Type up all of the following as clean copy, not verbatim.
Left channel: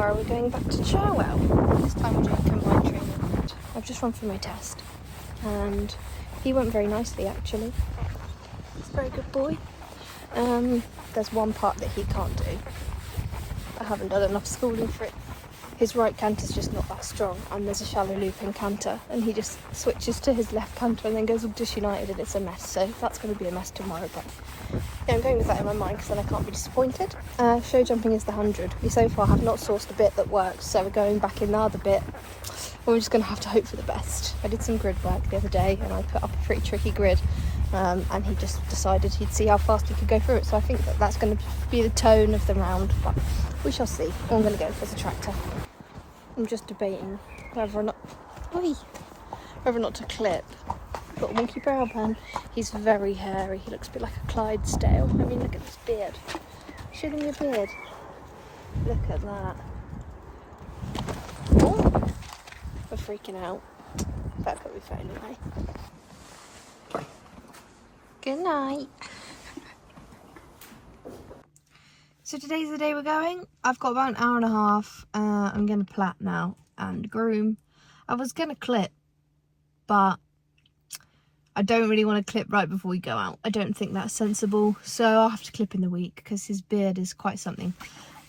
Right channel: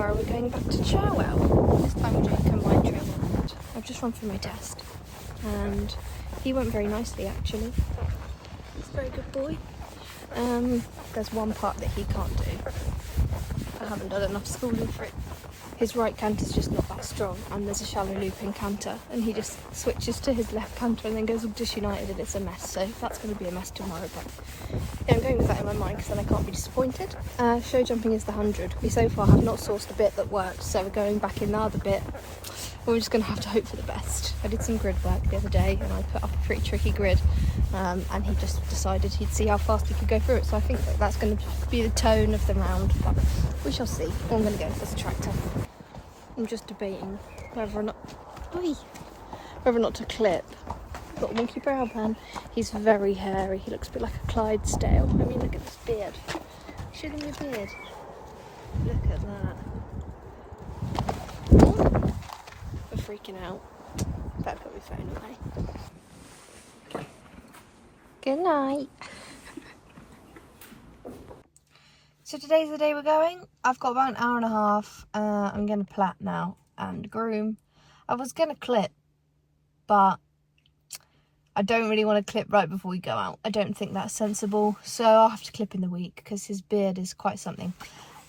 tomorrow we're going back to Cherwell. This time we're doing combined training. I've just run through my test and he went very nicely actually. He's a very good boy. There's one part that he can't do. I haven't done enough schooling for it. His right canter's just not that strong, and there's a shallow looping canter, and he just switches to his left canter and then goes all disunited, and it's a mess. So that's going to be a mess tomorrow, but yeah, I'm going with that in my mind because then I can't be disappointed. Show jumping is the 100. We so far have not sourced a bit that works, so we're going back in the other bit. We're just going to have to hope for the best. I did some grid work the other day, and I put up a pretty tricky grid, and he just decided he'd see how fast he could go through it. So I think that's going to be the tone of the round, but we shall see. All I'm going to go as a tractor. I'm just debating whether or not, whether or not to clip. Got a wonky brow band. He's very hairy. He looks a bit like a Clydesdale. I mean, look at this beard. See them your beard? Look at that. Oh, we're freaking out. Better put my phone away. Good night. So today's the day we're going. I've got about an hour and a half. I'm going to plait now and groom. I was going to clip, but I don't really want to clip right before we go out. I don't think that's sensible. So I'll have to clip in the week because his beard is quite something.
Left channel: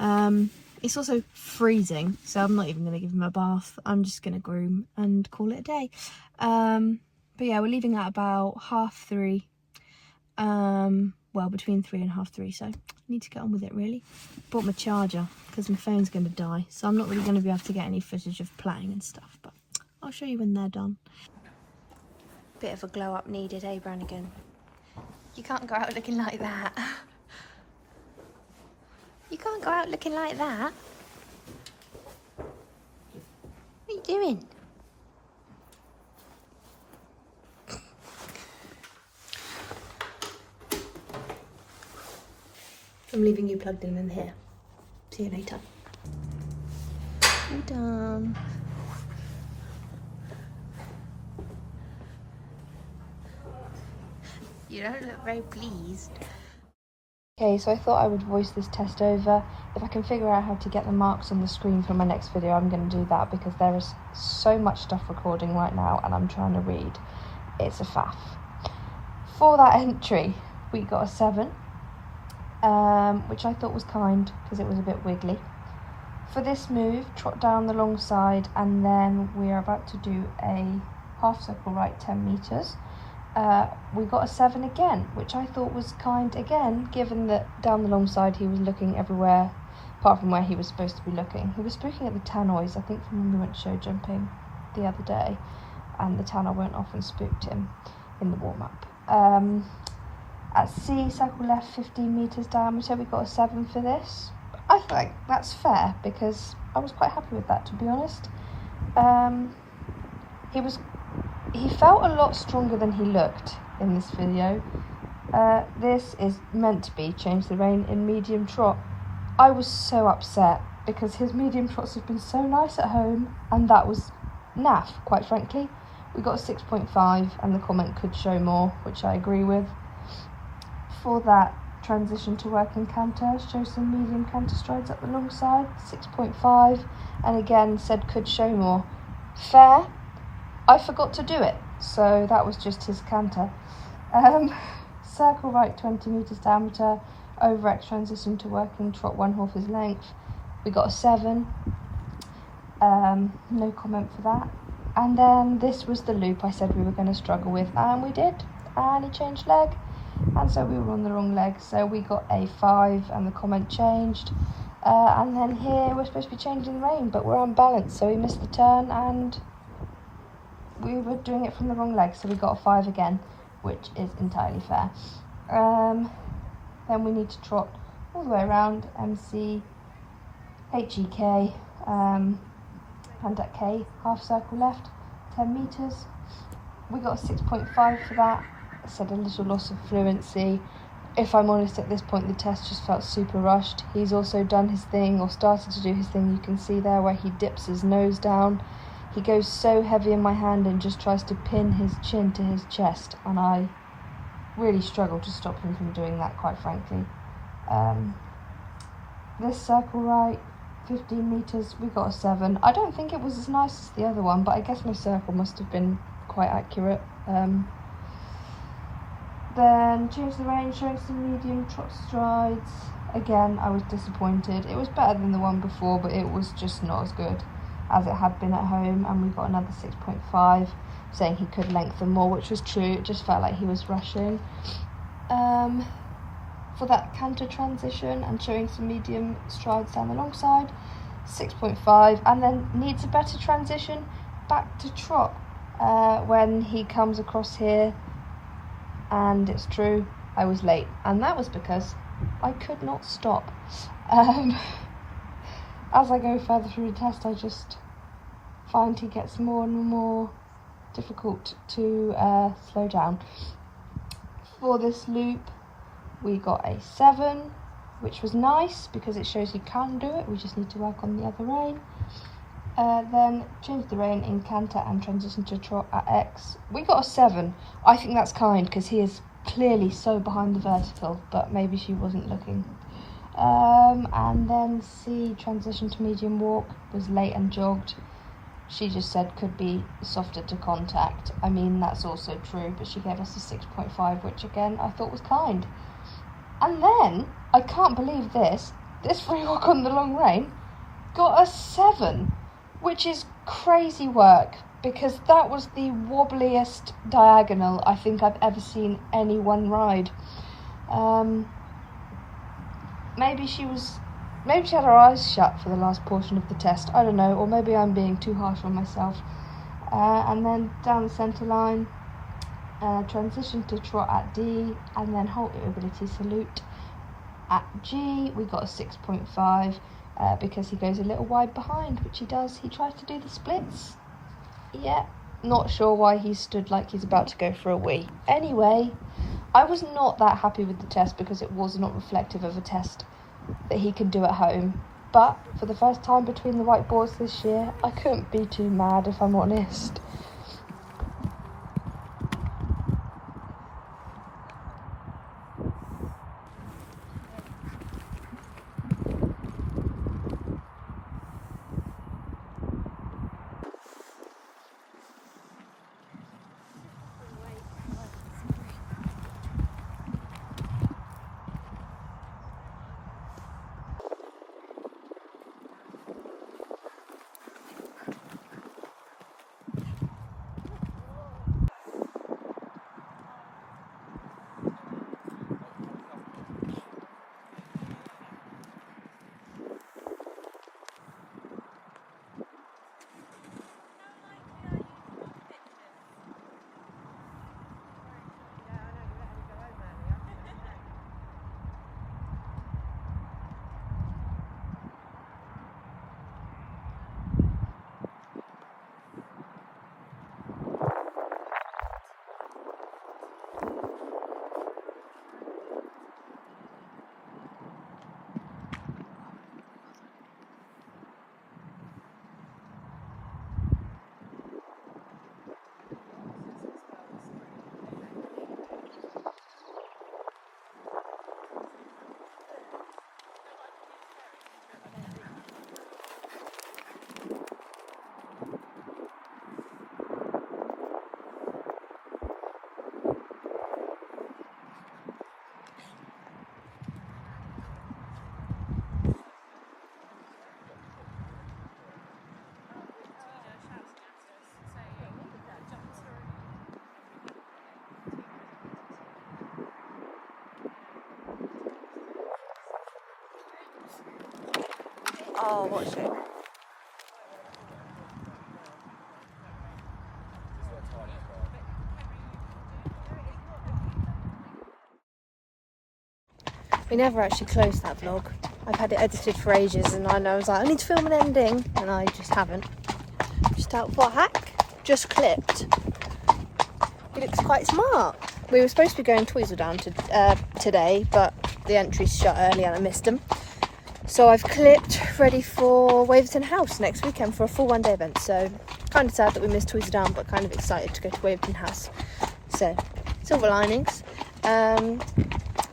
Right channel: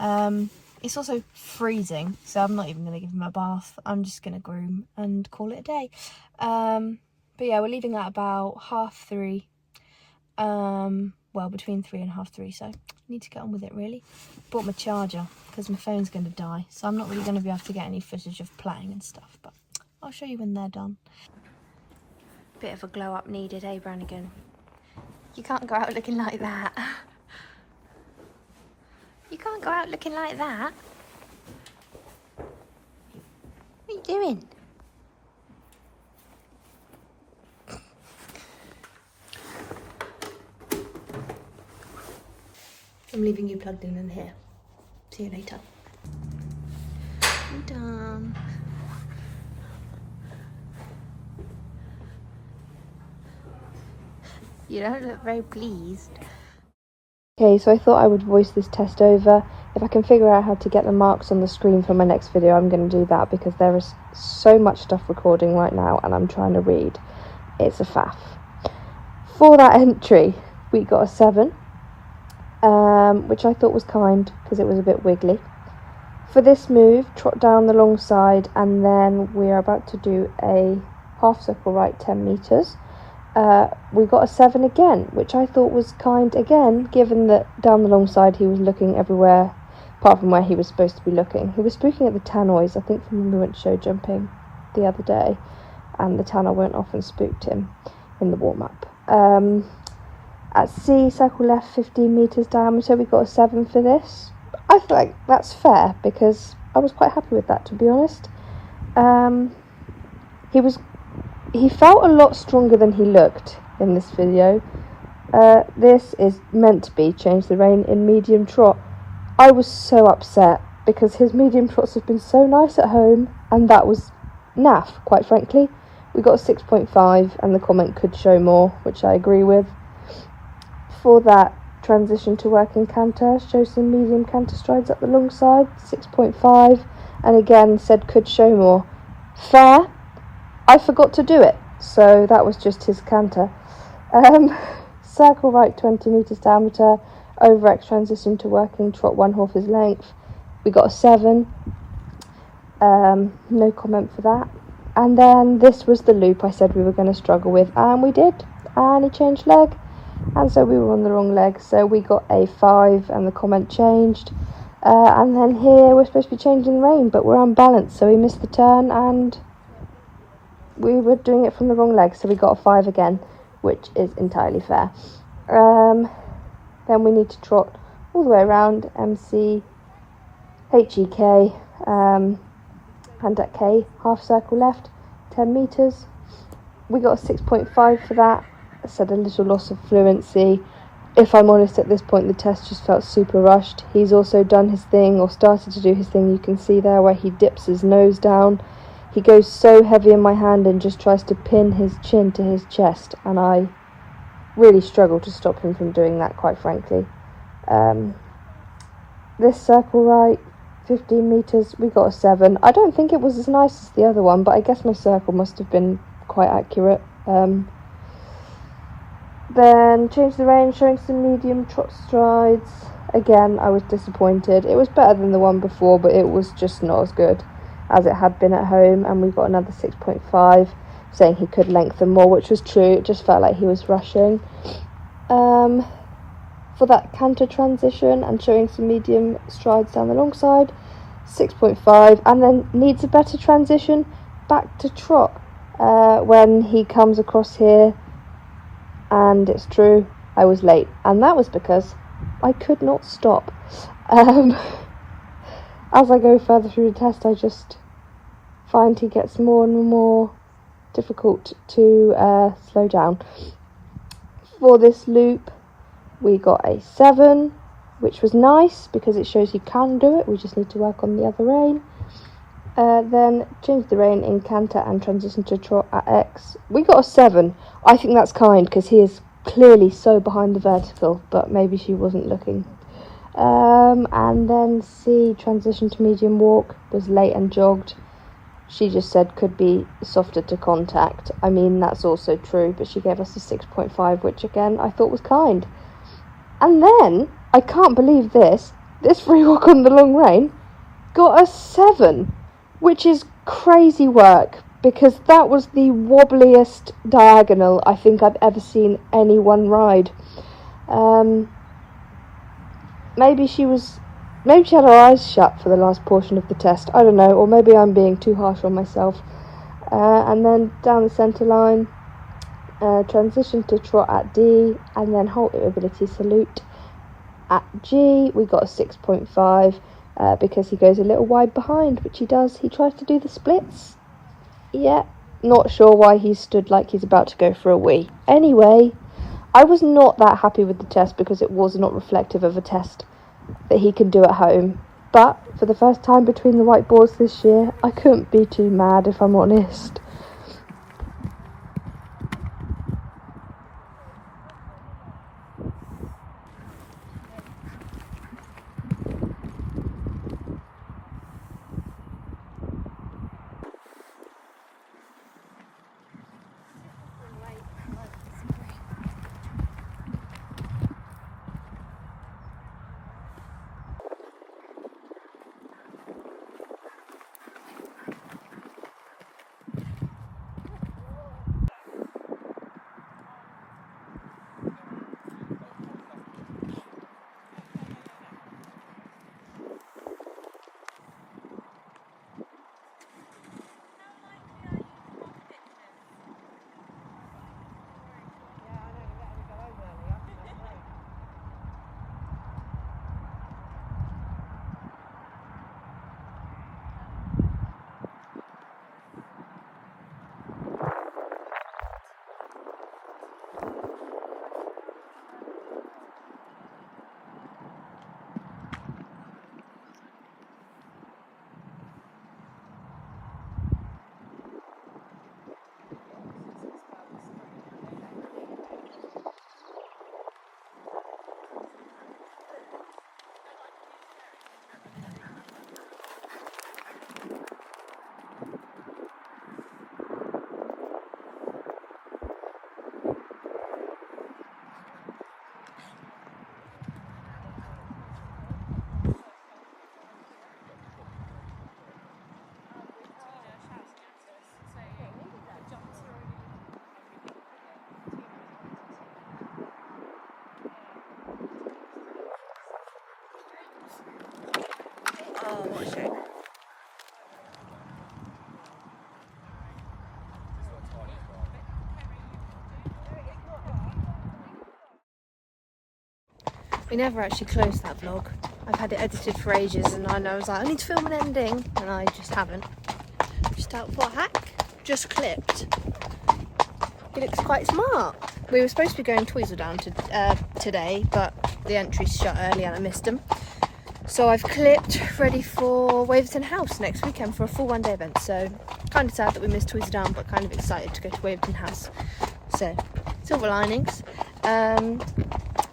It's also freezing, so I'm not even going to give him a bath. I'm just going to groom and call it a day. But yeah, we're leaving at about 3:30. Well, between 3 and 3:30, so I need to get on with it really. Bought my charger because my phone's going to die, so I'm not really going to be able to get any footage of playing and stuff, but I'll show you when they're done. Bit of a glow up needed, eh, Brannigan? You can't go out looking like that. You can't go out looking like that. What are you doing? I'm leaving you plugged in here. See you later. All done. You don't look very pleased. Okay, so I thought I would voice this test over. If I can figure out how to get the marks on the screen for my next video, I'm going to do that because there is so much stuff recording right now and I'm trying to read. It's a faff. For that entry, we got a 7. Which I thought was kind because it was a bit wiggly. For this move, trot down the long side, and then we are about to do a half circle right 10 metres. We got a 7 again, which I thought was kind again, given that down the long side he was looking everywhere apart from where he was supposed to be looking. He was looking at the tannoys, I think, when we went show jumping the other day, and the tannoy went off and spooked him in the warm-up. At C, circle left 15 metres diameter, we got a 7 for this. I feel like that's fair because I was quite happy with that, to be honest. He felt a lot stronger than he looked in this video. This is meant to be change the rein in medium trot. I was so upset because his medium trots have been so nice at home, and that was naff, quite frankly. We got a 6.5 and the comment could show more, which I agree with. For that transition to working canter, show some medium canter strides up the long side, 6.5, and again said could show more. Fair. I forgot to do it, so that was just his canter. Circle right 20 metres diameter, over X transition to working trot 1 horse's length. We got a 7. No comment for that. And then this was the loop I said we were going to struggle with, and we did. And he changed leg. And so we were on the wrong leg, so we got a 5 and the comment changed. And then here we're supposed to be changing rein, but we're unbalanced, so we missed the turn and we were doing it from the wrong leg, so we got a 5 again, which is entirely fair. Then we need to trot all the way around, MC, HEK, hand at K, half circle left, 10 metres. We got a 6.5 for that. I said a little loss of fluency. If I'm honest, at this point the test just felt super rushed. He's also done his thing, or started to do his thing. You can see there where he dips his nose down. He goes so heavy in my hand and just tries to pin his chin to his chest, and I really struggle to stop him from doing that, quite frankly. This circle right 15 metres, we got a 7. I don't think it was as nice as the other one, but I guess my circle must have been quite accurate. Then changed the rein, showing some medium trot strides. Again, I was disappointed. It was better than the one before, but it was just not as good as it had been at home, and we got another 6.5, saying he could lengthen more, which was true. It just felt like he was rushing. For that canter transition and showing some medium strides down the long side, 6.5, and then needs a better transition back to trot when he comes across here. And it's true, I was late, and that was because I could not stop. As I go further through the test, I just find he gets more and more difficult to slow down. For this loop, we got a 7, which was nice because it shows you can do it. We just need to work on the other rein. Then change the rein in canter and transition to trot at X. We got a 7. I think that's kind because he is clearly so behind the vertical, but maybe she wasn't looking. And then C, transition to medium walk, was late and jogged. She just said could be softer to contact. I mean, that's also true, but she gave us a 6.5, which again I thought was kind. And then, I can't believe this free walk on the long rein got a 7, which is crazy work, because that was the wobbliest diagonal I think I've ever seen anyone ride. Maybe she had her eyes shut for the last portion of the test, I don't know, or maybe I'm being too harsh on myself. And then down the centre line, transition to trot at D, and then halt ability salute at G. We got a 6.5 because he goes a little wide behind, which he does. He tries to do the splits. Yeah, not sure why he stood like he's about to go for a wee. Anyway, I was not that happy with the test because it was not reflective of a test that he can do at home. But for the first time between the whiteboards this year, I couldn't be too mad if I'm honest. Oh, what a shame. We never actually closed that vlog. I've had it edited for ages and I was like, I need to film an ending, and I just haven't. Just out for a hack, just clipped. Looks quite smart. We were supposed to be going Tweezledown today, but the entries shut early and I missed them. So I've clipped, ready for Waverton House next weekend for a full one-day event. So kind of sad that we missed Tweezledown, but kind of excited to go to Waverton House. So silver linings.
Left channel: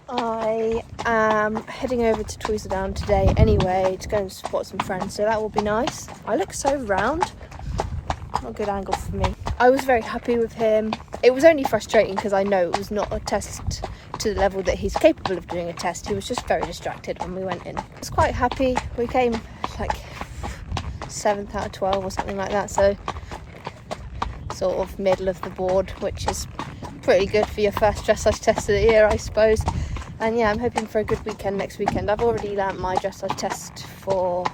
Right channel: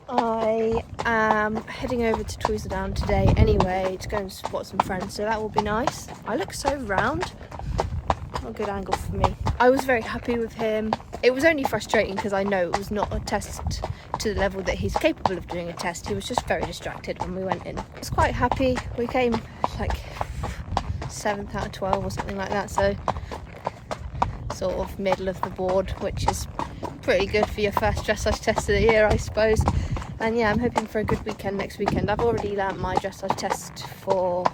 I am heading over to Tweezerdown today anyway to go and support some friends, so that will be nice. I look so round. Not a good angle for me. I was very happy with him. It was only frustrating because I know it was not a test to the level that he's capable of doing a test. He was just very distracted when we went in. I was quite happy. We came like 7th out of 12 or something like that, so sort of middle of the board, which is pretty good for your first dressage test of the year, I suppose. And yeah, I'm hoping for a good weekend next weekend. I've already learnt my dressage test for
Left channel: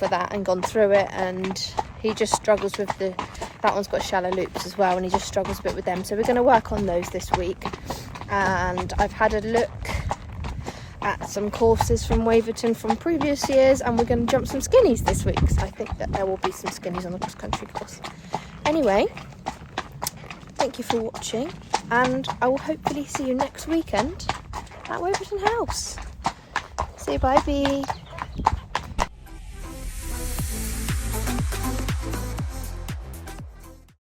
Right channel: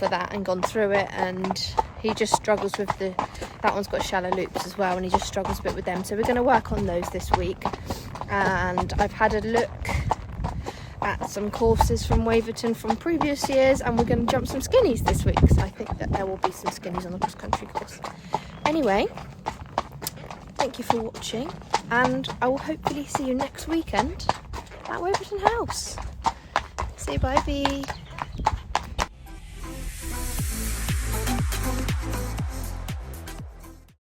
that and gone through it, and he just struggles with that one's got shallow loops as well, and he just struggles a bit with them, so we're going to work on those this week. And I've had a look at some courses from Waverton from previous years, and we're going to jump some skinnies this week, so I think that there will be some skinnies on the cross country course. Anyway, thank you for watching, and I will hopefully see you next weekend at Waverton House. See you, bye.